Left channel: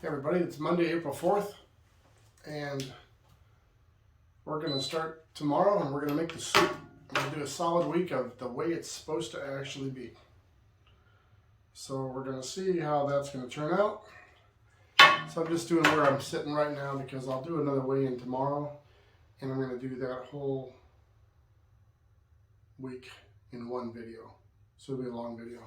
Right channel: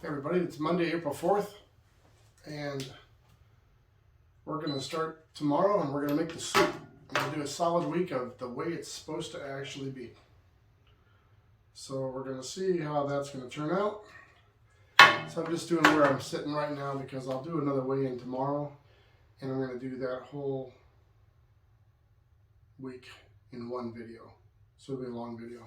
Hey everybody, it's Monday, April 4th, and we're going to start tomorrow and we're going to make the soup. I'm going to do a solid week of the way it's supposed to actually be. So we're going to see how that's going to turn out. So I'm just doing where I'm sitting right now because I'll do another weigh-in tomorrow, and I'm going to do that whole week in one video. So it'll be a long video.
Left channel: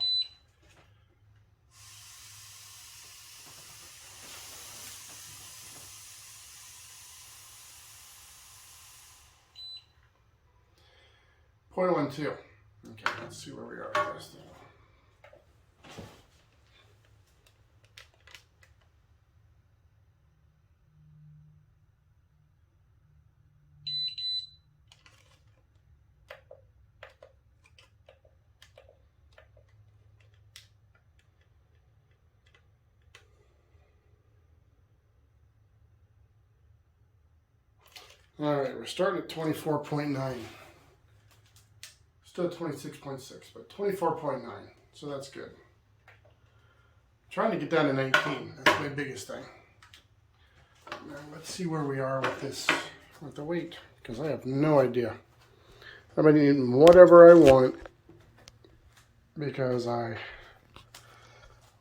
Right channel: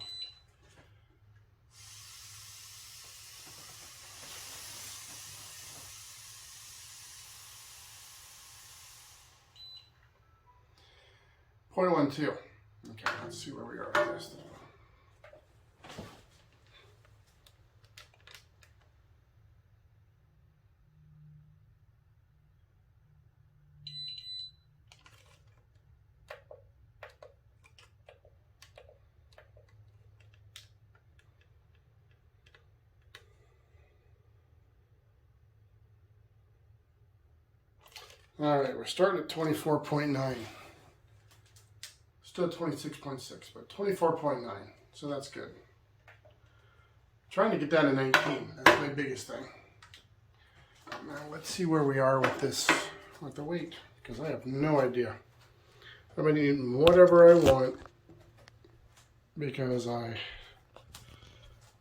.12. Okay, let's see where we are with this thing. All right, we're starting at 24.9. Still 26.6, but 24.9, so that's good. Trying to get down to 19, that's my biggest thing. Now let's see where we are with this, with the weight, because I have no idea. I've been eating whatever I want because I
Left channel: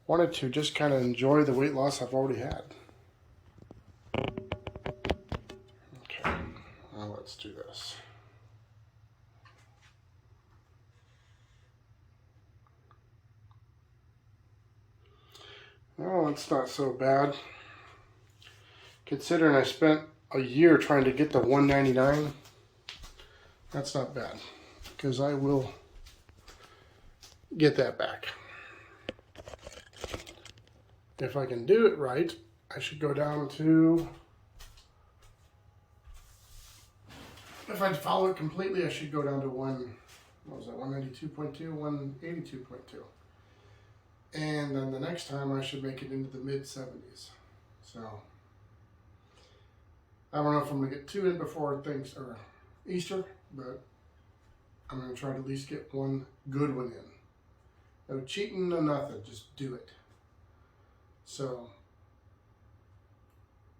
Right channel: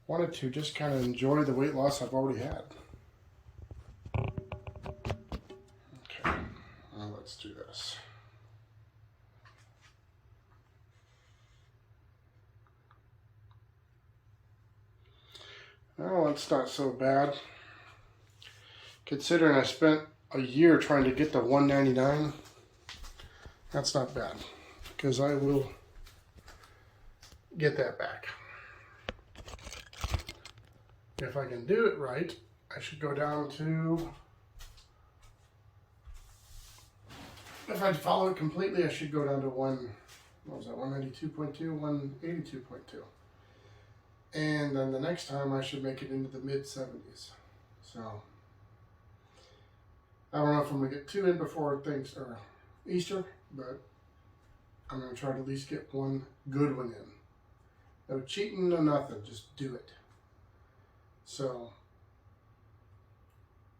wanted to just kind of enjoy the weight loss I've already had. Okay, now let's do this. Oh, it's not so bad. Considering I spent a year trying to get to 199, that's not bad, because I will get that back. If I can do it right, I should go down to, if I follow it completely, I should go down to 192.2, 182.2. And then the next time I should make it into the mid-70s. So I don't know if I'm going to get 2 in before things or Easter, but I'm going to try to at least get one good one in. No cheating, no nothing, just do it. So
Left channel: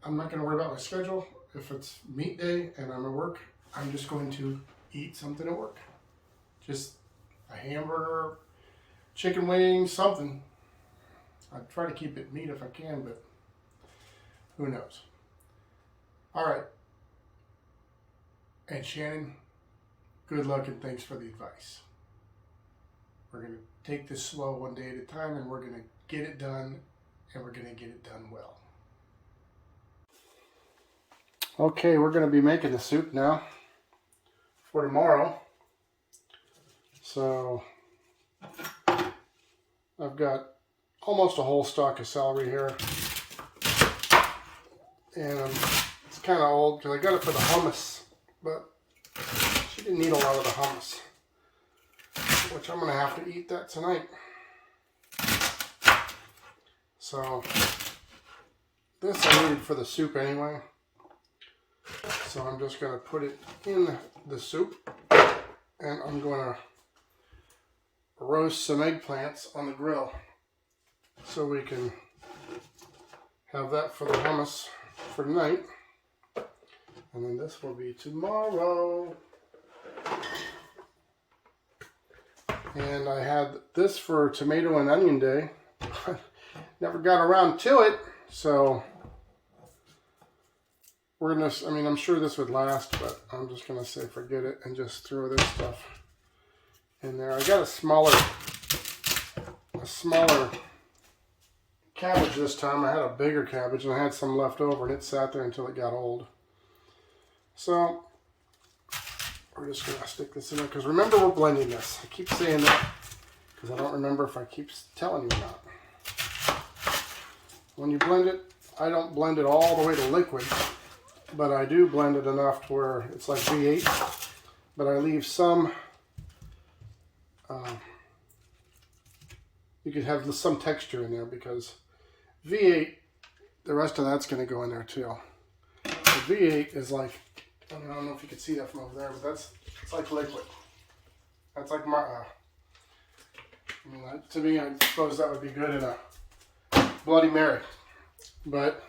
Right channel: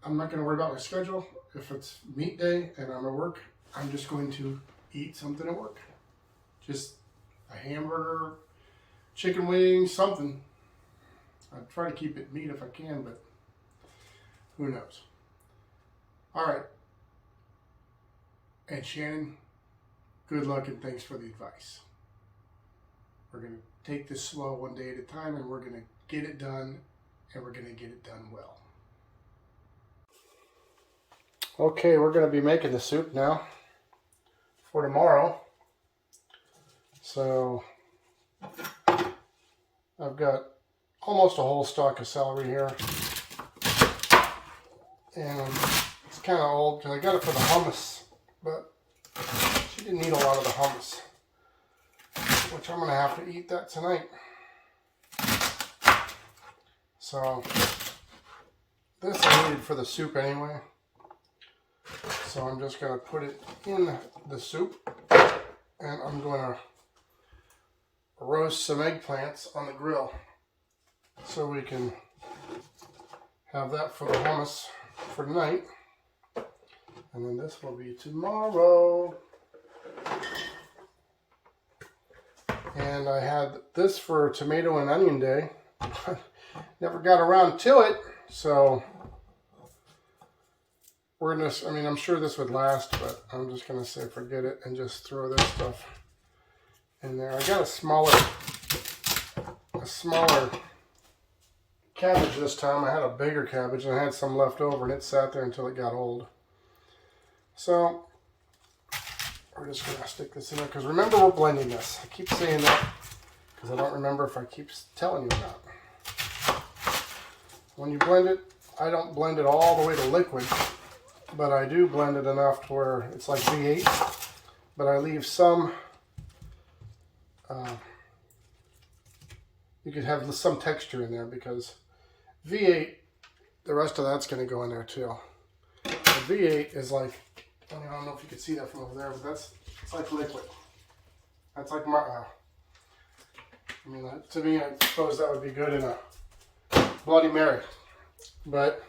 I'm not going to worry about my schedule. If it's meat day and I'm at work, I'm just going to eat something at work. Just a hamburger, chicken wings, something. I'd try to keep it meat if I can, but who knows. All right. And Shannon, good luck and thanks for the advice. We're going to take this slow one day at a time, and we're going to get it done, and we're going to get it done well. Okay, we're going to be making the soup now for tomorrow. So I've got almost a whole stalk of celery here, and it's kind of old because I got it for the hummus, but she didn't need a lot of the hummus, which I'm going to have to eat that tonight. So this I needed for the soup anyway, so I'm just going to put it in the soup, and I'm going to roast some eggplants on the grill so we can have that for the hummus for tonight, and then this will be tomorrow. And I had this for tomato and onion day. Never got around to it, so we're gonna, I mean, I'm sure this would last, but I'm just gonna say forget it and just throw this stuff in there. I got a smaller cabbage this time. I had a bigger cabbage and I had some left over, and it sat there until it got old. So we're just gonna stick this in there, because remember, we're blending this. I keep saying that because I don't remember if I keep telling you or not. When you blend it, I don't blend it all the way to liquid, but I do blend it enough to where it's like V8, but I leave some, you could have some texture in there, because V8, the rest of that's going to go in there too. The V8 is like, I don't know if you can see that from over there, but it's like liquid. That's like my, I mean, to me, I suppose that would be good in a Bloody Mary. but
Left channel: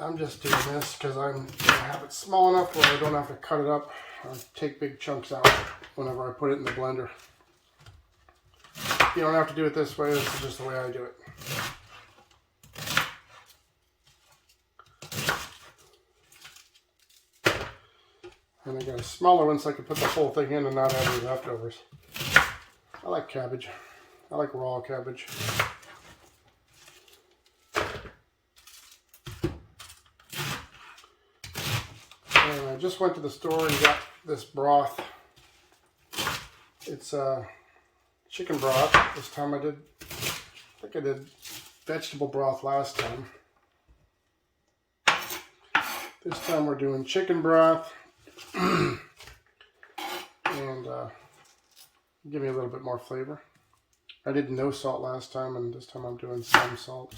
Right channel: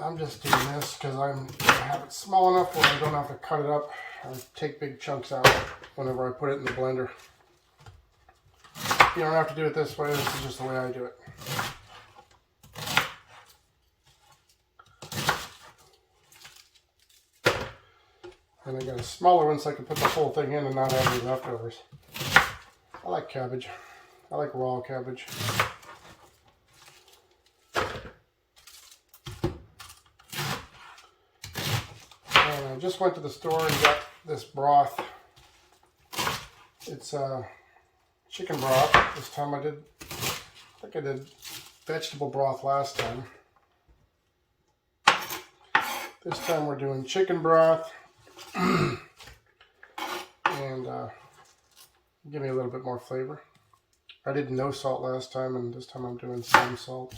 I'm just doing this because I'm going to have it small enough where I don't have to cut it up or take big chunks out whenever I put it in the blender. You don't have to do it this way, this is just the way I do it. And I got a smaller one so I can put the whole thing in and not have any leftovers. I like cabbage. I like raw cabbage. And I just went to the store and got this broth. It's chicken broth. This time I think I did vegetable broth last time. This time we're doing chicken broth. And give me a little bit more flavor. I did no salt last time, and this time I'm doing some salt.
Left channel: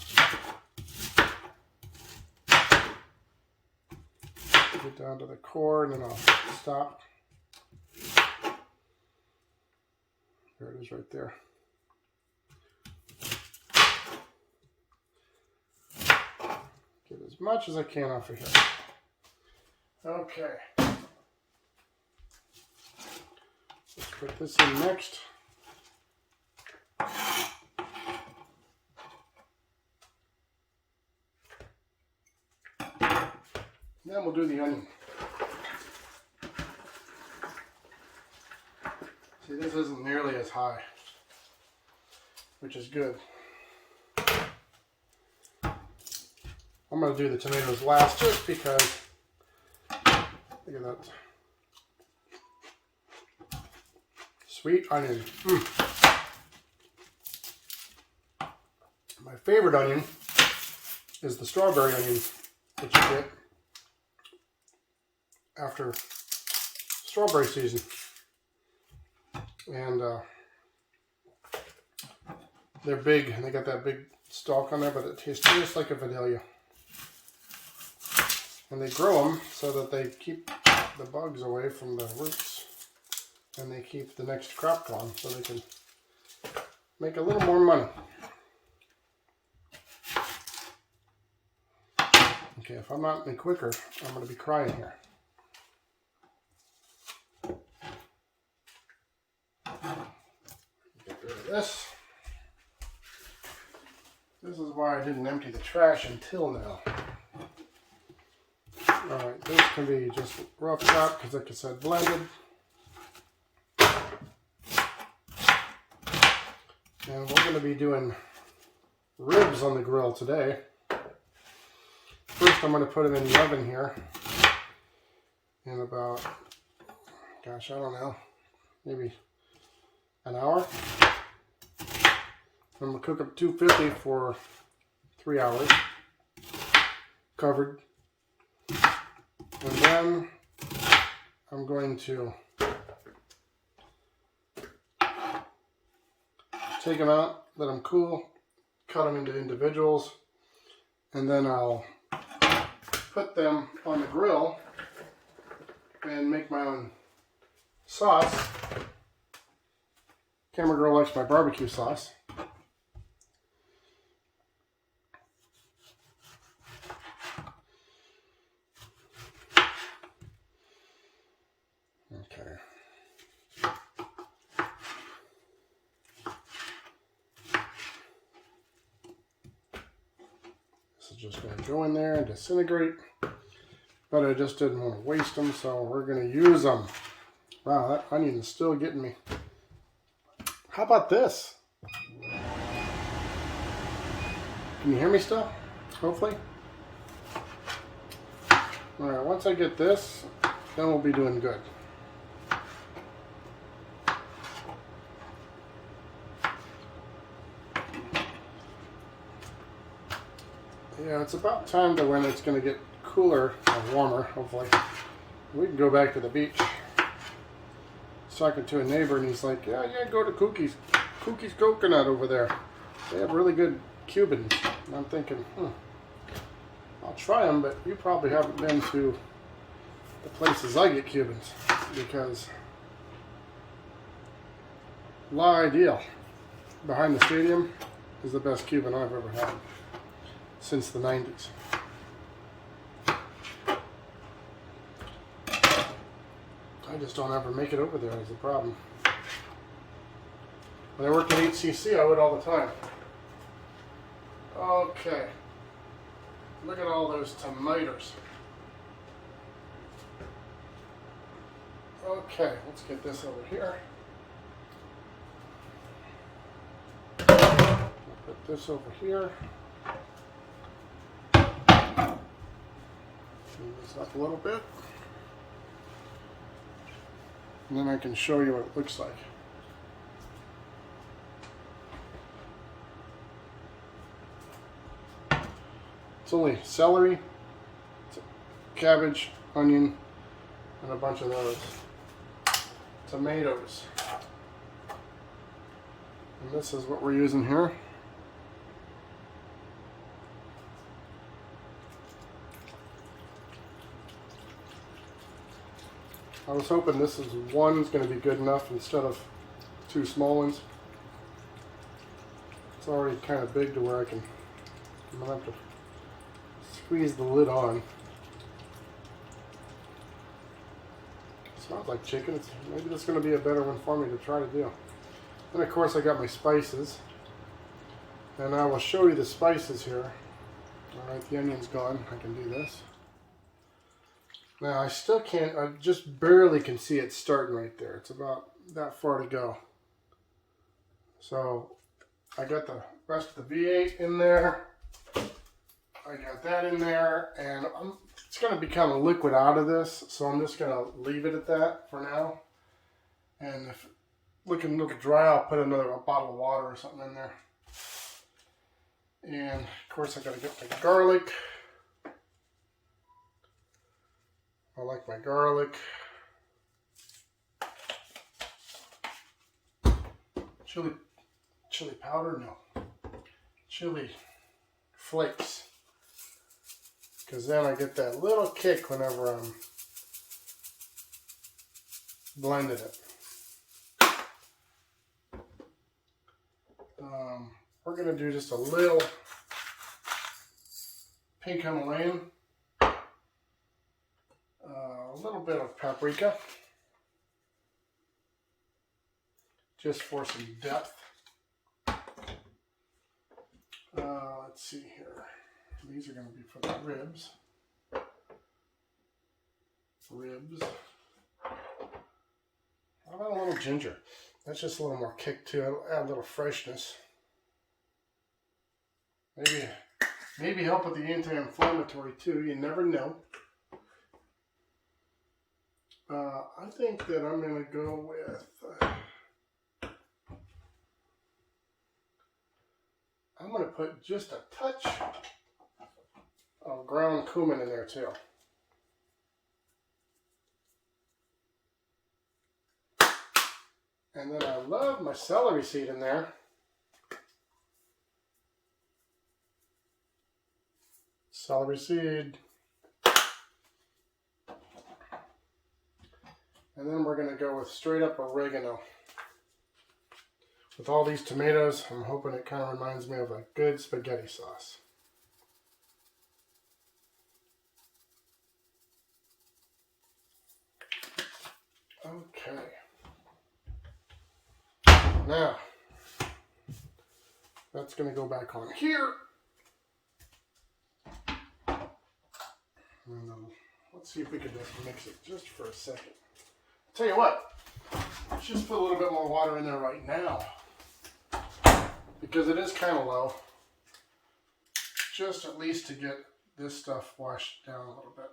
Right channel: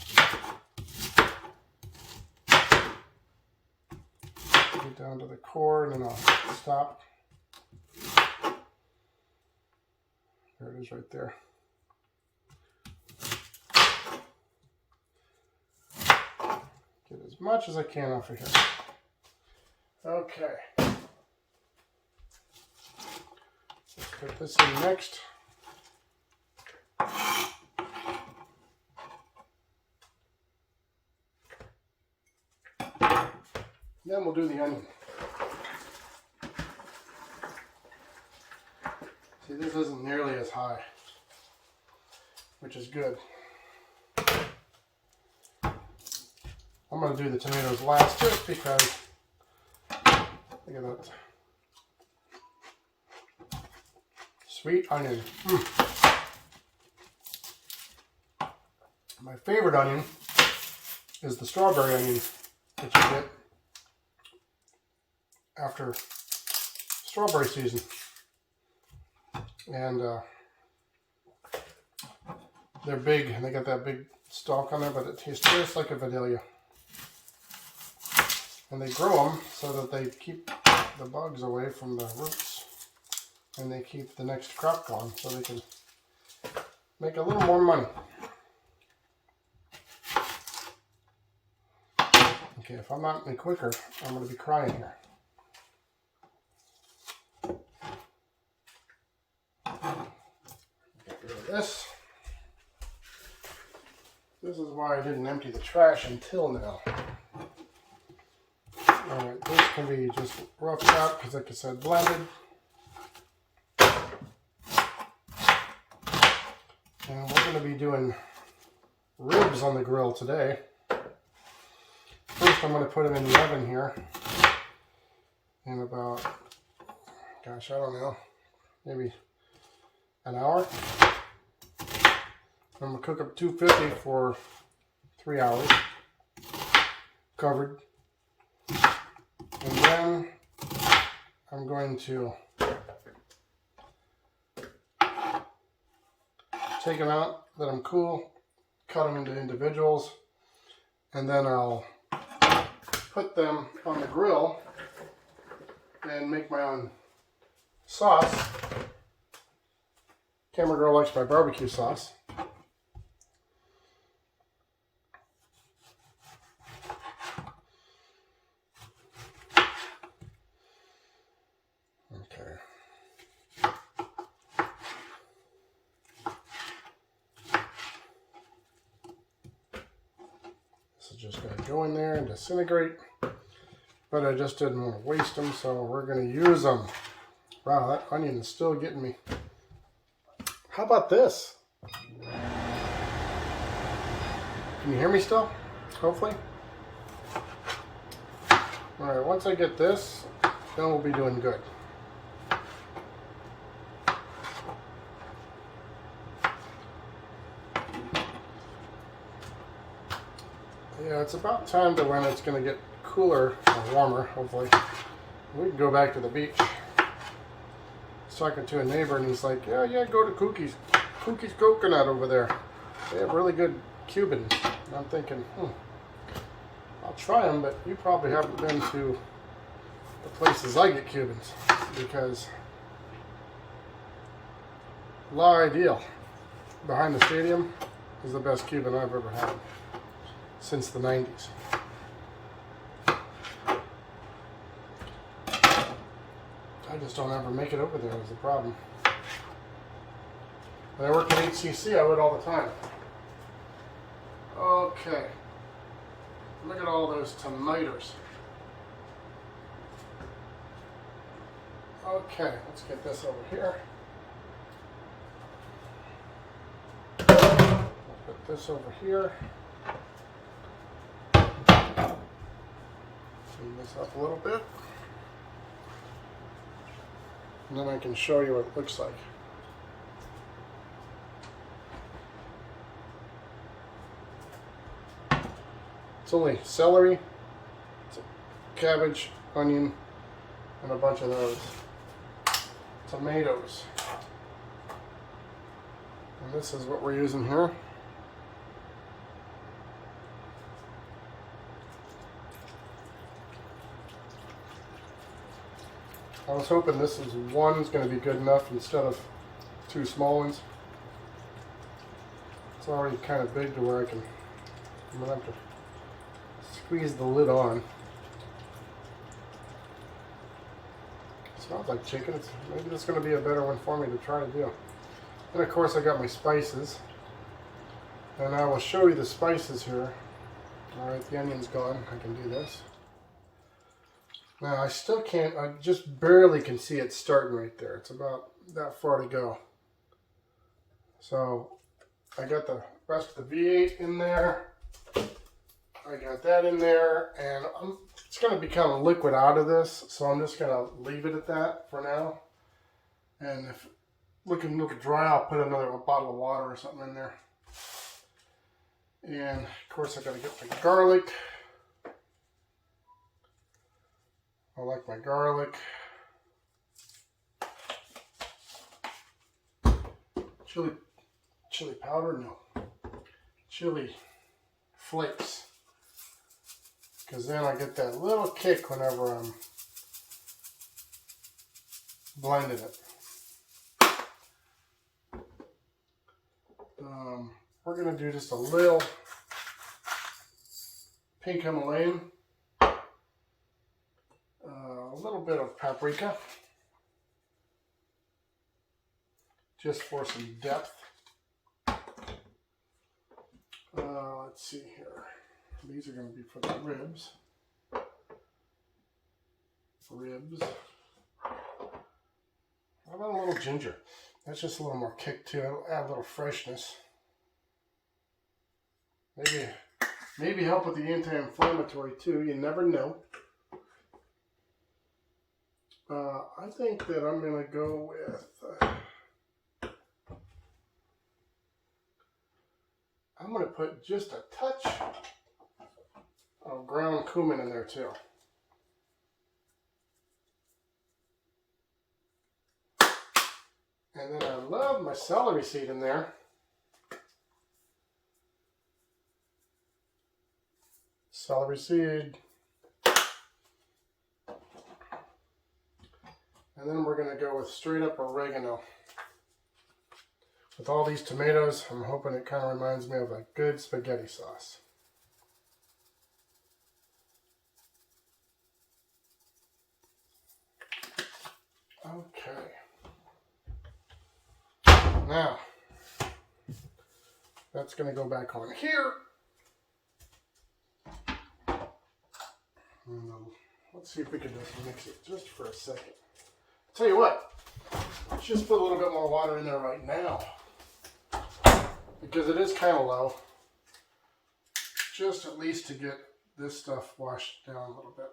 Get down to the core, and then I'll stop. There it is right there. Get as much as I can off of here. Okay. Let's put this in next. Then we'll do the onion. See, this isn't nearly as high, which is good. I'm going to do the tomatoes last just because, look at that. Sweet onion. My favorite onion is the strawberry onion that you get after strawberry season. And they're big, and they got that big stalk on there, but it tastes just like a vanilla. And they grow them so that they keep the bugs away from the roots, and they keep the next crop going so they can make a little more money. Okay, if I'm not any quicker, I'm going to be crying here. Get rid of this. This is why I didn't empty the trash until now. Alright, this can be just rough chop because, like I said, blended. And we're going to be doing ribs on the grill today. First, I'm going to put them in the oven here in about, gosh, I don't know, maybe an hour. I'm going to cook up 250 for 3 hours, covered. And then I'm going to take them out, let them cool, cut them into individuals, and then I'll put them on the grill and make my own sauce. Camera girl likes my barbecue sauce. Okay. This is just going to go in there and disintegrate, but I just didn't want to waste them, so we're going to use them. Wow, that onion is still getting me. How about this? Can you hear me still? Hopefully. Alright, once I get this, then we'll be doing good. Yeah, it's about time to when it's going to get cooler or warmer, hopefully. We can go back to the beach. I was talking to a neighbor and he's like, yeah, go to Cookie's Coconut over there. They have really good Cubans. And I'm thinking, I'll try them, but you probably haven't been to the places I get Cubans, because La Ideal behind the stadium, is the best Cuban I've ever had since the 90s. I just don't ever make it over there is the problem. When I worked at HCC, I would all the time. Okay. Look at all those tomatoes. Okay, let's get this over here. We'll put this over here. Clean this up a little bit. And then I can show you what it looks like. It's only celery, cabbage, onion, and a bunch of those. Tomatoes. And this is what we're using here. I was hoping this is one's going to be good enough instead of two small ones. It's already kind of big to where I'm going to have to squeeze the lid on. Smells like chicken. Maybe that's going to be a better one for me to try to do. And of course I got my spices. And I will show you the spices here. Alright, the onion's gone. I can do this. Now I still can't, I just barely can see it starting right there. It's about that far to go. So I got the rest of the V8 in there. I got that in there, and it's going to become a liquid out of this, so I'm just going to leave it at that for now. And if looking dry, I'll put a bottle of water or something in there. And of course, I got to get my garlic. I like my garlic. Chili powder? No. Chili flakes. Because then I get that little kick whenever I'm blending it. We're going to do just a little pink Himalayan, a little bit of paprika, just for some depth. Let's see here. These are going to be for the ribs. How about a little ginger? That's just a little more kick too. It'll add a little freshness. Maybe help with the anti-inflammatory too. You never know. I think that I'm going to go with... I'm going to put just a touch of ground cumin in there too. And then I love my celery seed in there. Celery seed. And then we're going to go with straight up oregano. With all these tomatoes, I'm hoping it kind of reminds me of a good spaghetti sauce. Okay. Now, that's going to go back on here. And, let's see if we can just mix it just for a second. I'll tell you what, let's just put a little bit more water in there right now. Because it is kind of low. Just at least to get this stuff washed down a little bit.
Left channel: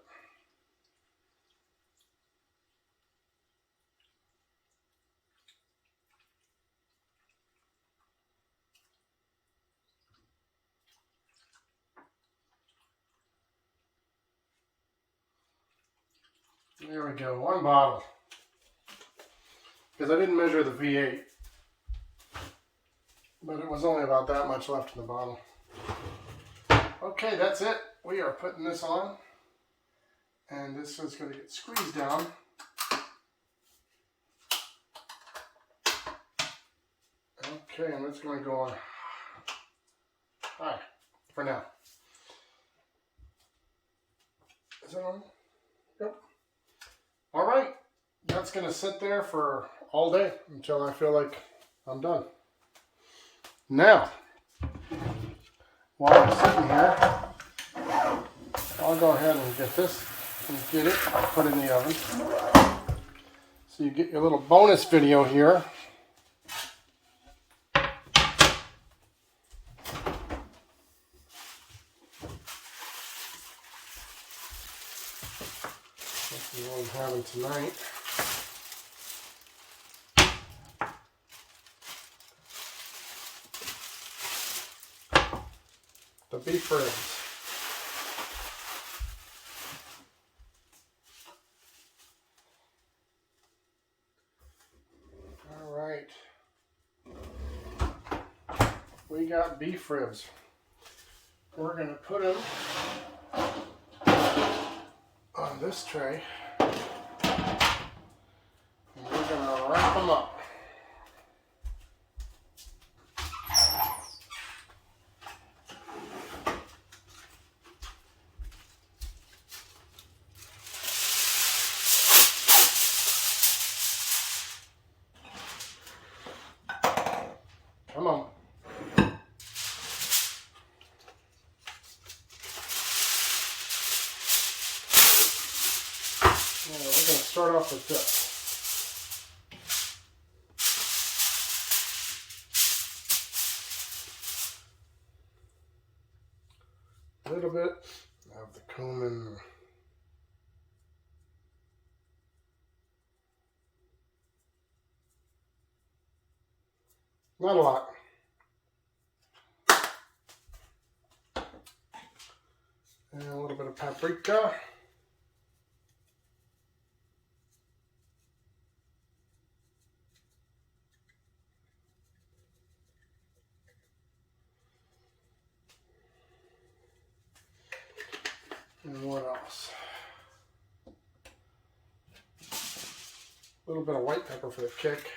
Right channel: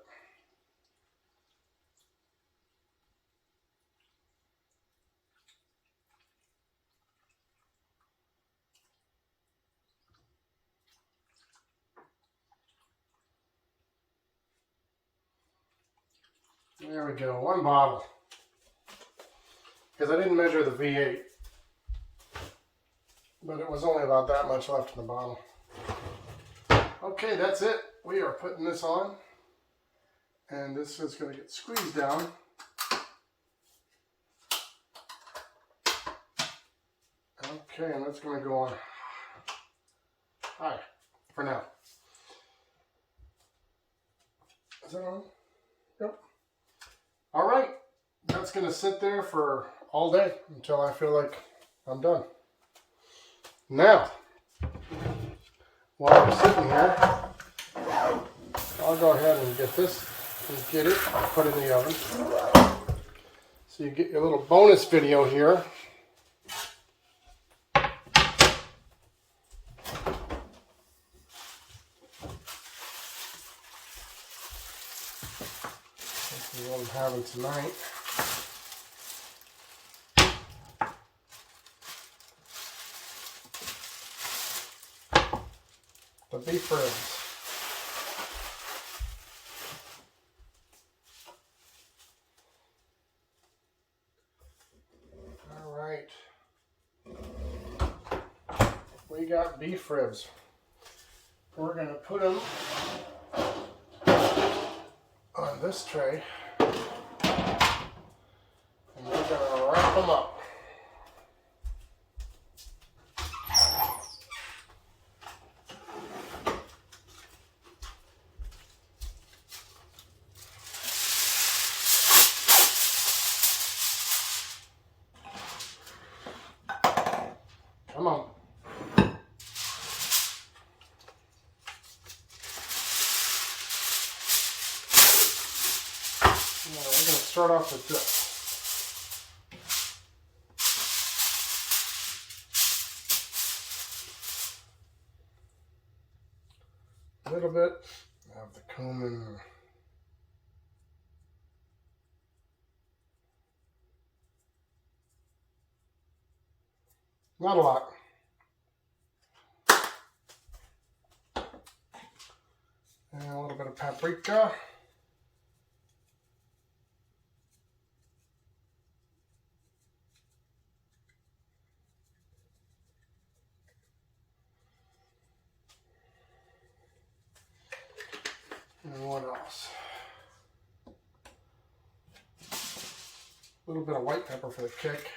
There we go, 1 bottle. Because I didn't measure the V8. But it was only about that much left in the bottle. Okay, that's it. We are putting this on. And this is going to get squeezed down. Okay, and it's going to go on Hi, for now. Is it on? Yep. All right, that's gonna sit there for all day until I feel like I'm done. Now, while I'm sitting here, I'll go ahead and get this and get it put in the oven. So you get your little bonus video here. This is what I'm having tonight. The beef ribs. All right. We got beef ribs. We're going to put them on this tray. And we're going to wrap them up. Come on. We're going to start off with this. A little bit of the cumin. Not a lot. And a little bit of paprika. And what else? A little bit of white pepper for the kick.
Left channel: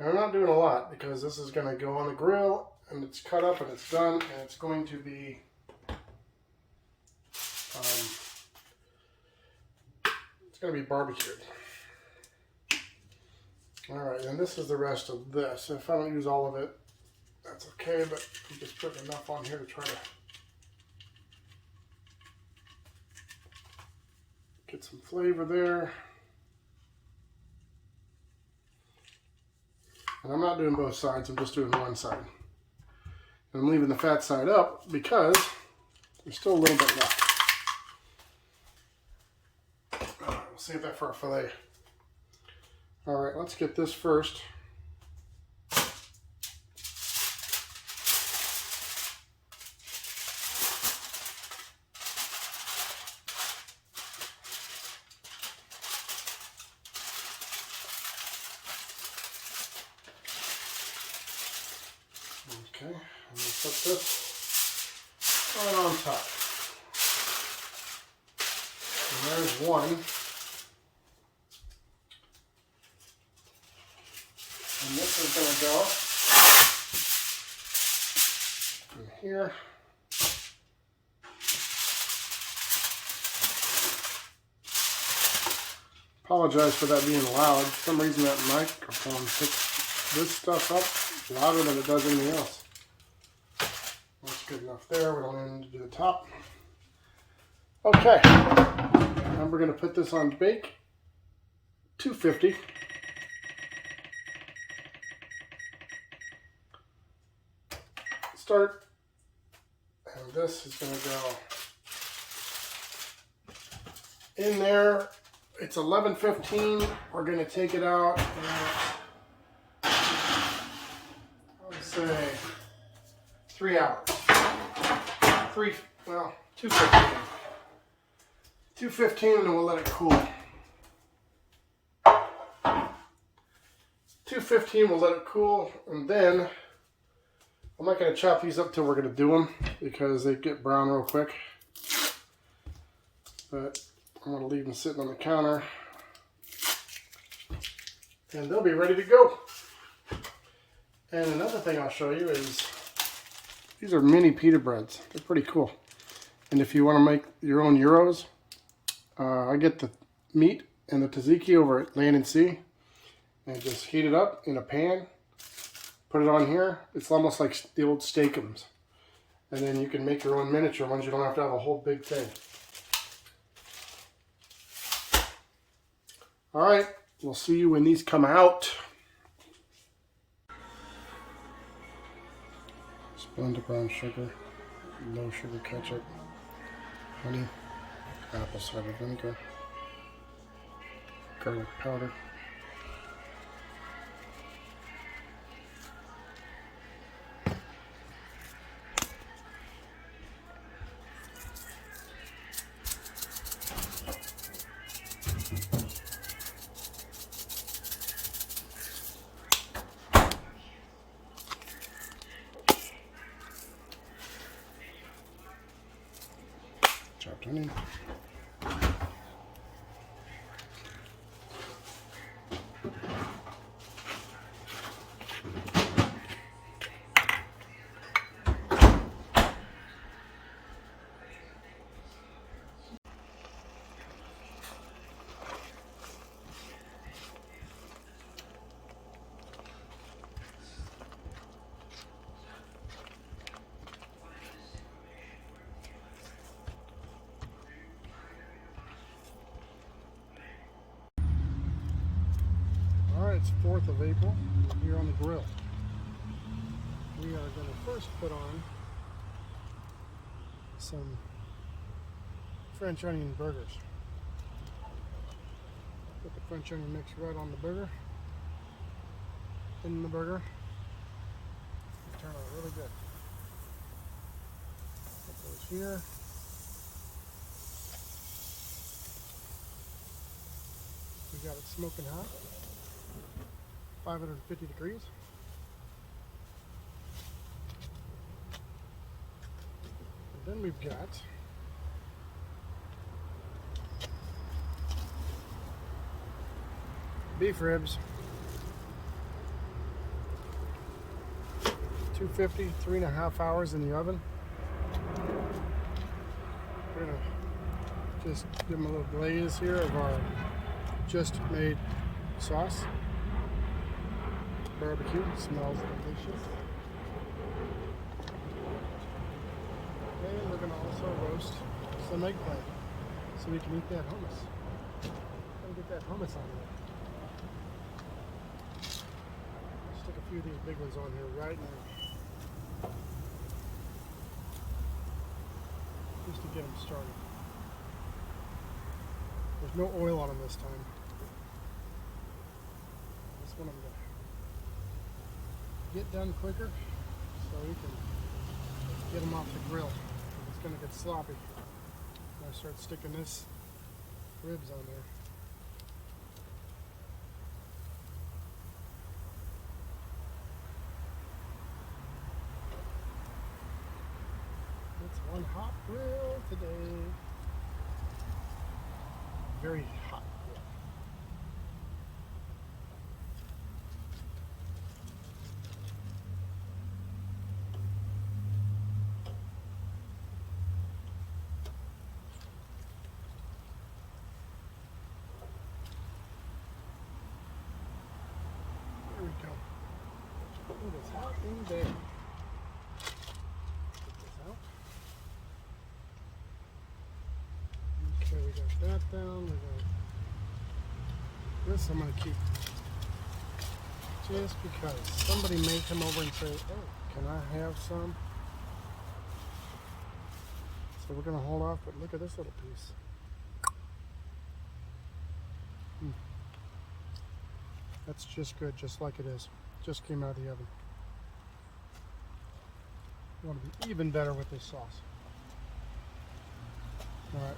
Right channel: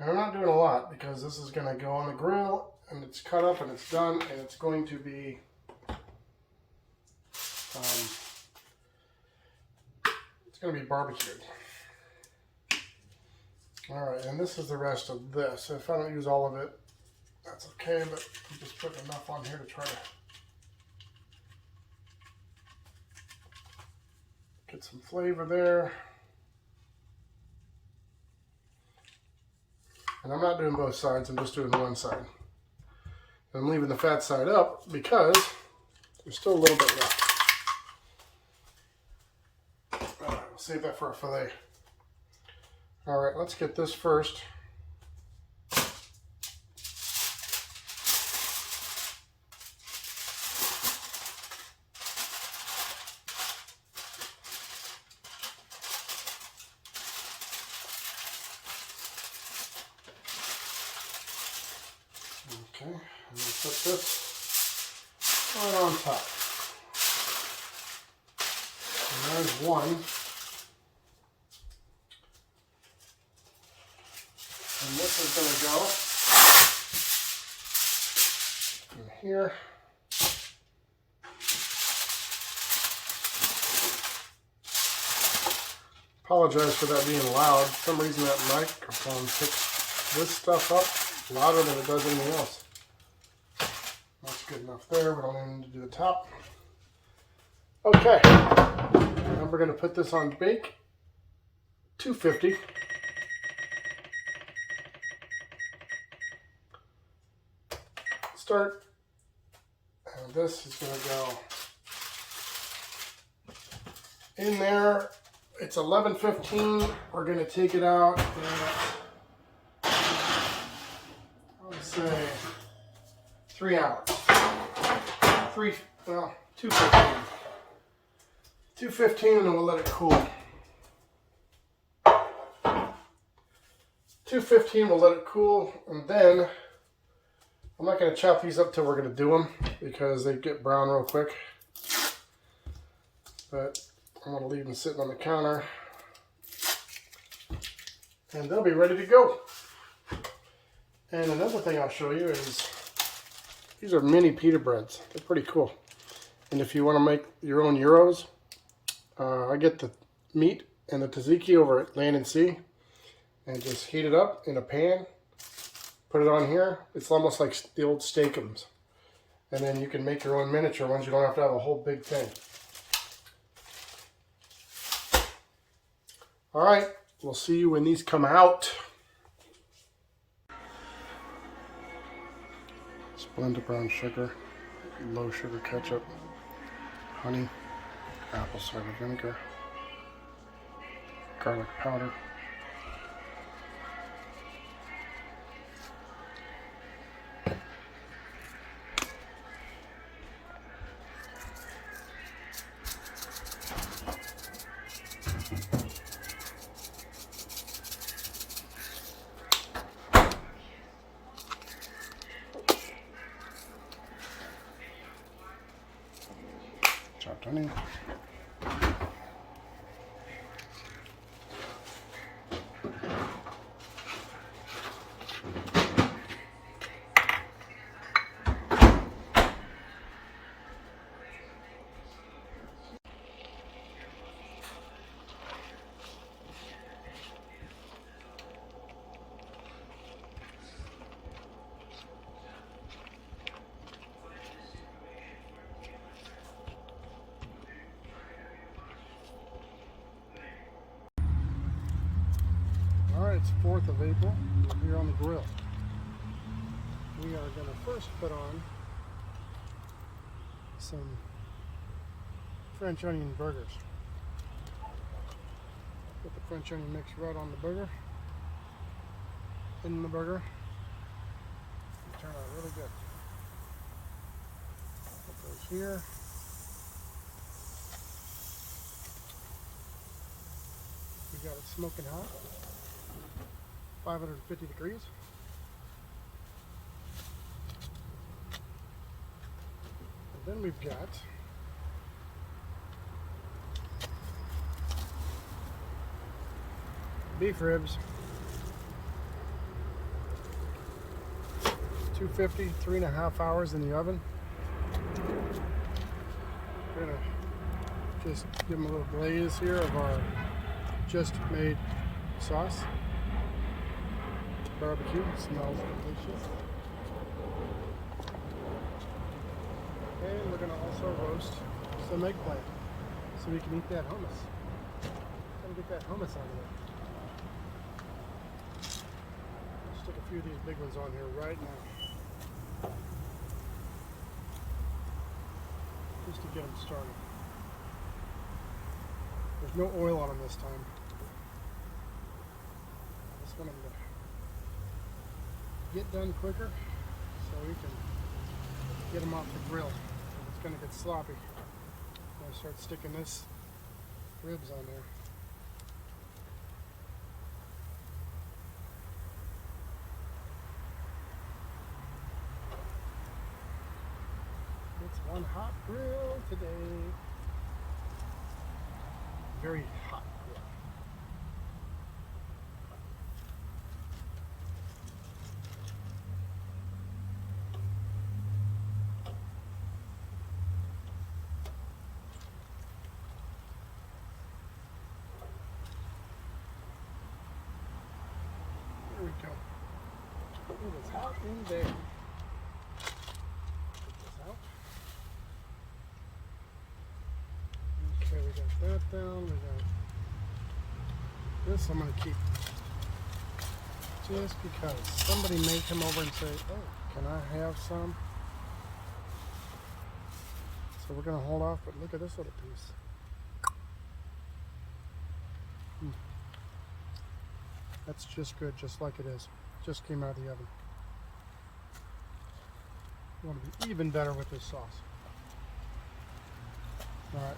And I'm not doing a lot because this is going to go on the grill and it's cut up and it's done and it's going to be barbecued. All right, and this is the rest of this. If I don't use all of it, that's okay, but I'm just putting enough on here to try to get some flavor there. And I'm not doing both sides, I'm just doing one side. And I'm leaving the fat side up because there's still a little bit left. All right, we'll save that for a fillet. All right, let's get this first. Okay, I'm going to put this right on top. And there's one. And this is going to go in here. Apologize for that being loud. For some reason that microphone picks this stuff up louder than it does anything else. That's good enough there. We don't even need to do the top. Okay. And we're going to put this on bake. 250. Start. And this is going to go in there. It's 11:15. We're going to take it out at, let's say, 3 hours. 2:15. 2:15, and we'll let it cool. 2:15, we'll let it cool, and then I'm not going to chop these up till we're going to do them because they get brown real quick. But I'm going to leave them sitting on the counter, and they'll be ready to go. And another thing I'll show you is these are mini pita breads. They're pretty cool. And if you want to make your own gyros, I get the meat and the tzatziki over at Land and Sea and just heat it up in a pan. Put it on here. It's almost like the old steakums. And then you can make your own miniature ones. You don't have to have a whole big thing. All right, we'll see you when these come out. Blend brown sugar, low sugar ketchup, honey, apple cider vinegar, garlic powder, chopped onion, it's 4th of April. We're here on the grill. We are going to first put on some French onion burgers. Put the French onion mix right on the burger. In the burger. They turn out really good. Put those here. We got it smoking hot. 550 degrees. And then we've got beef ribs, 250, 3.5 hours in the oven. We're gonna just give them a little glaze here of our just made sauce. Barbecue, smells delicious. And we're going to also roast some eggplant so we can eat that hummus. Gotta get that hummus on there. I'll stick a few of these big ones on here right now. Just to get them started. There's no oil on them this time. This one I'm going to get done quicker so we can get them off the grill. It's going to get sloppy. I'm going to start sticking this ribs on there. It's one hot grill today. Very hot grill. There we go. It is hot in there. Get this out. Okay, we got that down. We got this I'm going to keep just because somebody may come over and say, oh, can I have some? So we're going to hold off, but look at this little piece. That's just good, just like it is. Just came out of the oven. You want to be even better with this sauce. Alright,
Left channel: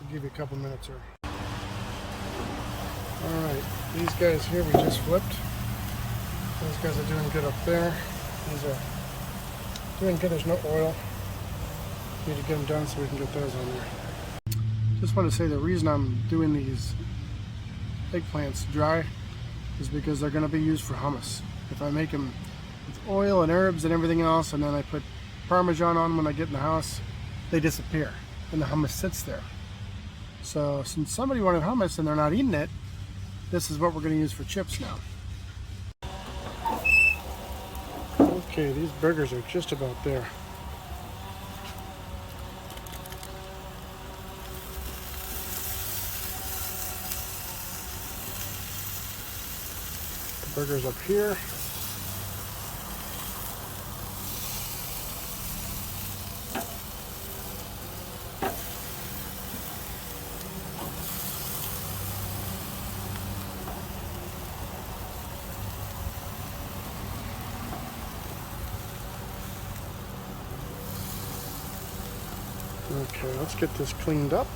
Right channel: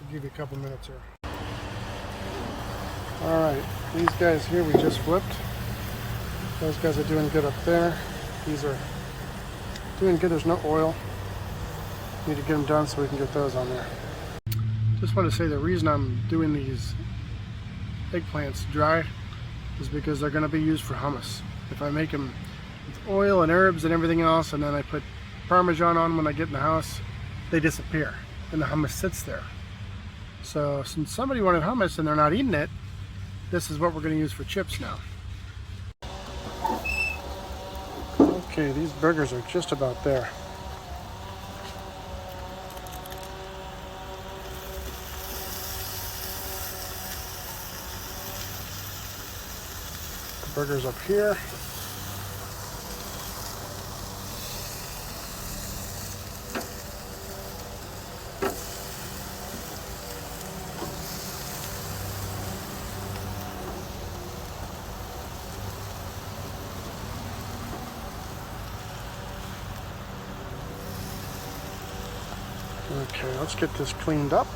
I'll give you a couple minutes here. Alright, these guys here we just flipped. Those guys are doing good up there. These are doing good, there's no oil. Need to get them done so we can get those on there. Just want to say the reason I'm doing these eggplants dry is because they're going to be used for hummus. If I make them with oil and herbs and everything else, and then I put Parmesan on when I get in the house, they disappear and the hummus sits there. So since somebody wanted hummus and they're not eating it, this is what we're going to use for chips now. Okay, these burgers are just about there. The burgers up here. Okay, let's get this cleaned up.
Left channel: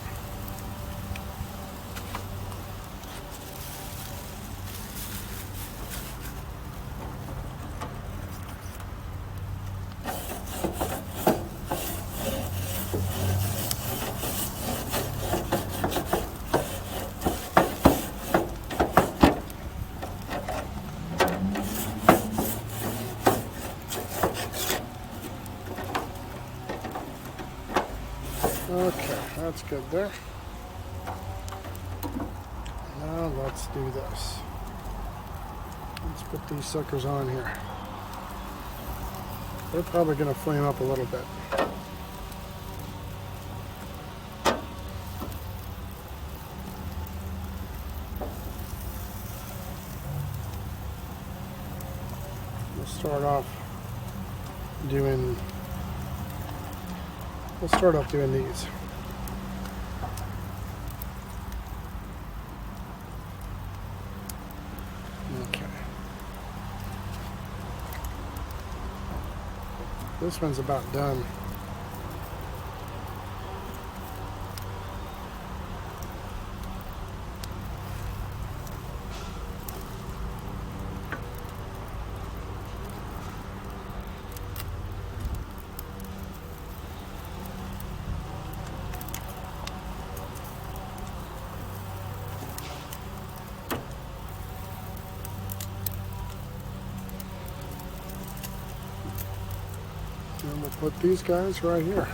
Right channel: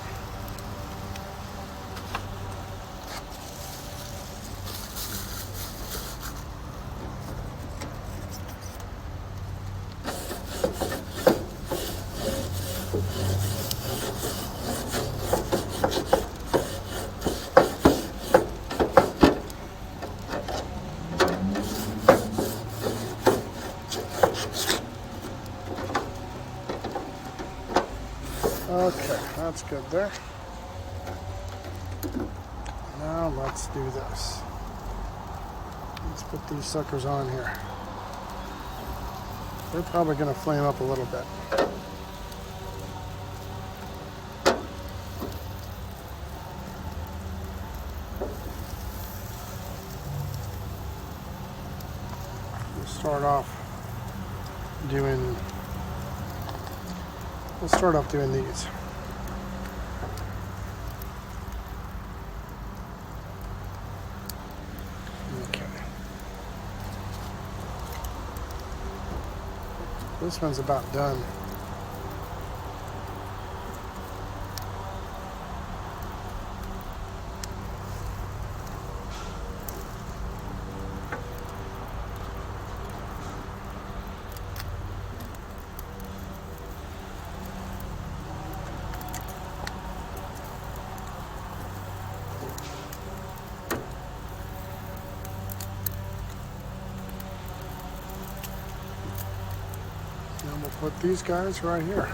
Okay, that's good there. Now let's do this. Let's put these suckers on here. They're probably going to flame up a little bit. Let's start off doing these. Okay. This one's about done. And we'll put these guys right here.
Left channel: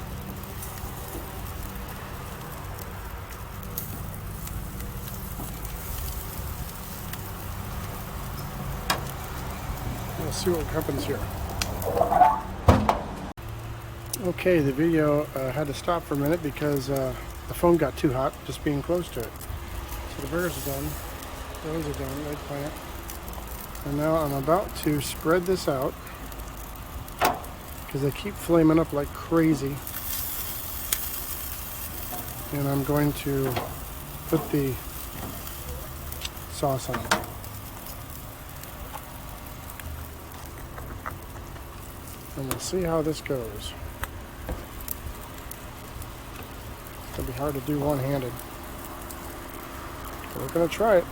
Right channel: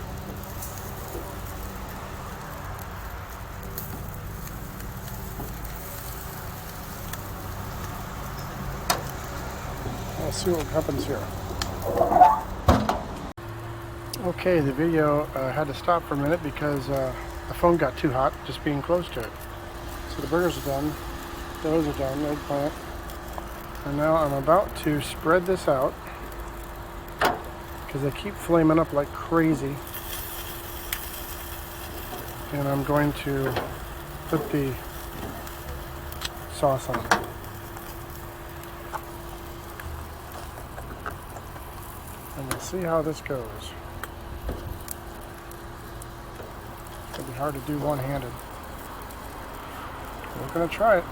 Let's see what happens here. Okay, the video had to stop for a minute because the phone got too hot just being close to it. So the burgers are done. Those are done, eggplant. And now I'm about to spread this out because they keep flaming up like crazy. And I'm going to put the sauce on. And we'll see how this goes. It's going to be hard to do one-handed. But we're going to try it.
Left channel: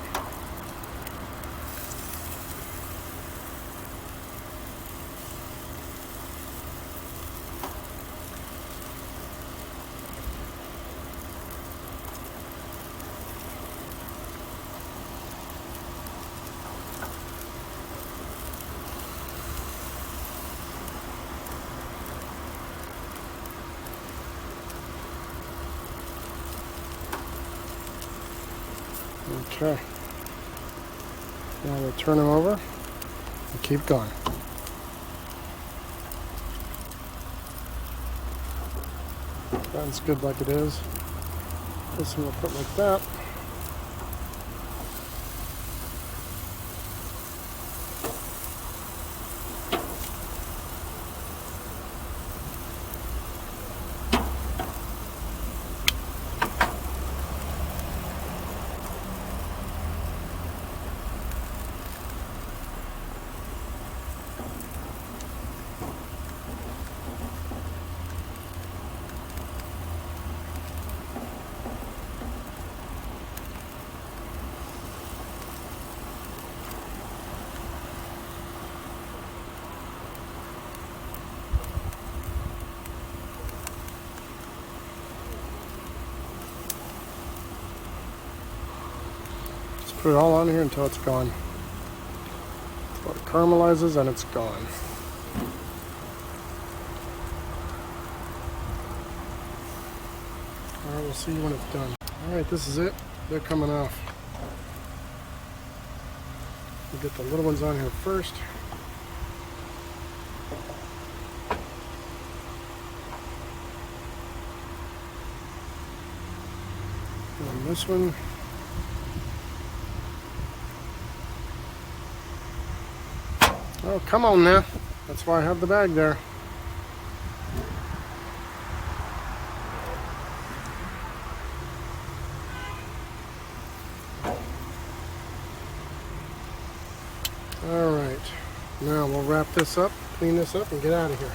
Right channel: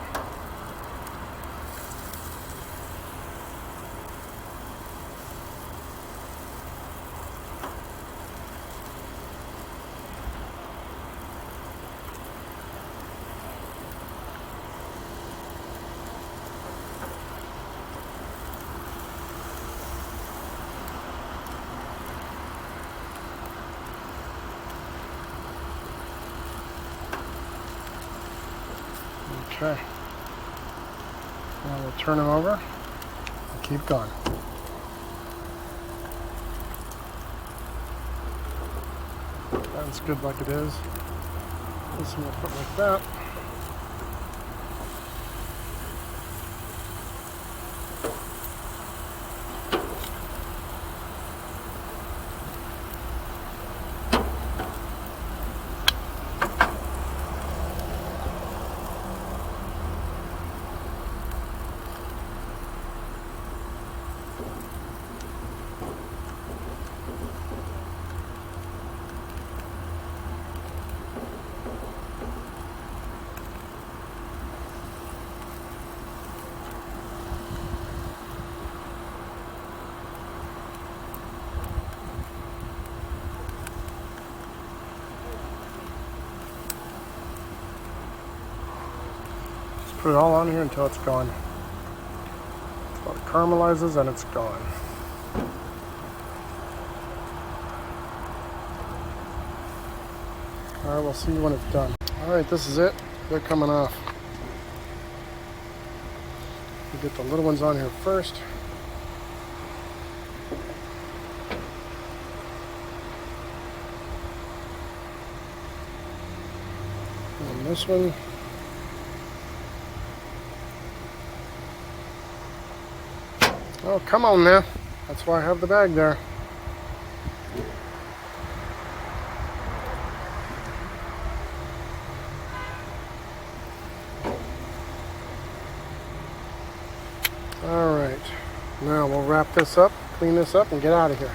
Okay, now we'll turn them over and keep going. That's good like it is. This one we'll put like that. Put it all on here until it's gone. Until it caramelizes and it's gone. All right, we'll see when it's done. All right, this is it. They're coming off. We'll get the little ones on here first. And this one. Oh, come on now. That's why I have the bag there. All right. Now we'll wrap this up, clean this up, and get out of here.